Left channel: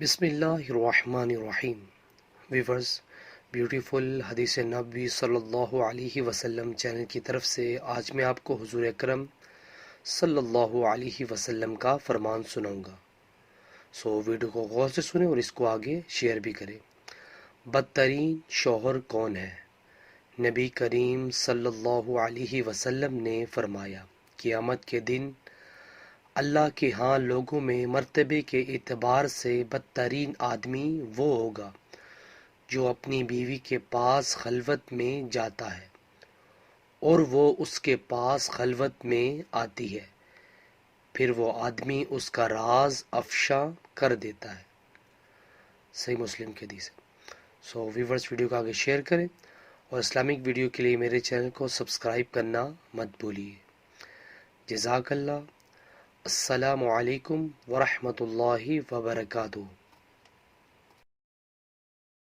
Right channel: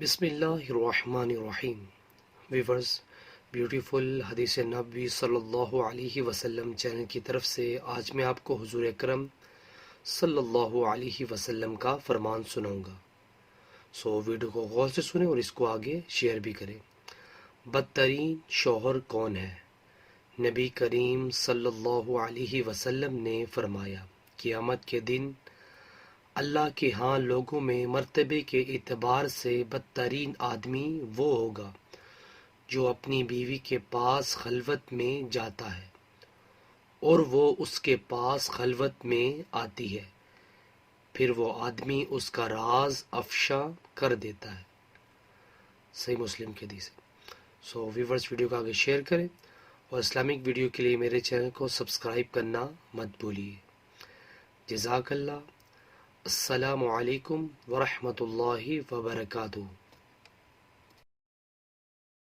بسم اللہ الرحمن الرحیم ویورز، بیوٹیفل حدیث نبوی صلی اللہ علیہ وسلم چینل کی طرف سے آج میں آپ کو حضور اکرم صلی اللہ علیہ وسلم کا فرمان سناؤں گا۔ ویڈیو کو غور سے سنیں اور اس کو آگے شیئر بھی کریں۔ بدترین شوہر کون ہے؟ نبی کریم صلی اللہ علیہ وسلم نے فرمایا، قیامت کے دن اللہ کے ہاں لوگوں میں مرتبے کے اعتبار سے بدترین آدمی وہ ہوگا جو اپنی بیوی کے پاس خلوت میں جاتا ہے اور وہ اس کے پاس خلوت میں آتی ہے، پھر وہ آدمی اس کا راز افشا کر دیتا ہے۔ صحیح مسلم کی حدیث ہے۔ ویورز، ویڈیو کو آگے شیئر کریں اور اسلامک ویڈیو کے لیے میرے چینل کو سبسکرائب کرنا مت بھولیے۔ جزاک اللہ۔ السلام علیکم ورحمۃ اللہ وبرکاتہ۔